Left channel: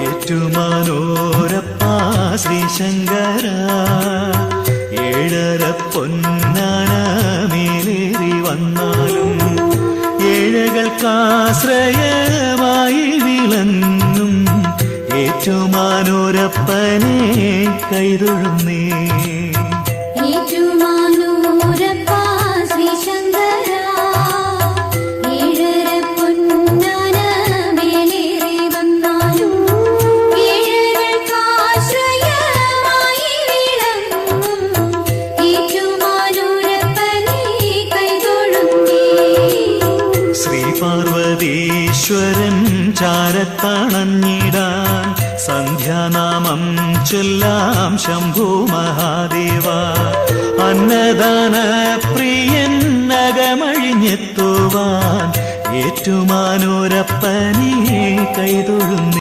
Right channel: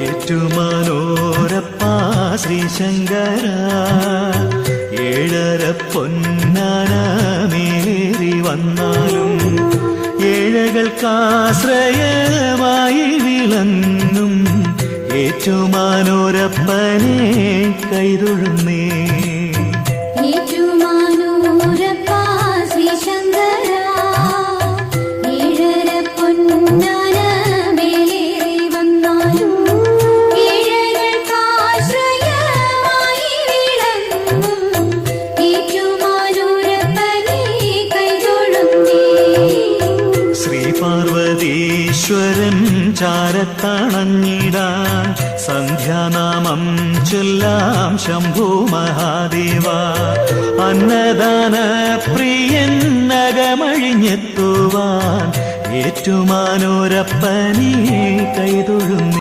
ഏറ്റുമാനോരപ്പ ശ്രീശങ്കര. ഏഴര പൊന്നാന മേലേറി വന്നാലും ഏഴകൾക്കാശ്രയമായി വിളങ്ങും. ഏറ്റുമാനോരപ്പനെ കൈതൊഴുന്നേ. പാർവതീശ്വരൻ ചാരത്തണഞ്ഞിടാൻ സന്ധ്യാനാമം ചൊല്ലാം ശംഭു മഹാദേവ. അന്നദാന പ്രിയൻ നഗമഴിഞ്ഞെത്തുവാൻ ഏറ്റുമാനൂരപ്പനീ കൈതൊഴുന്നു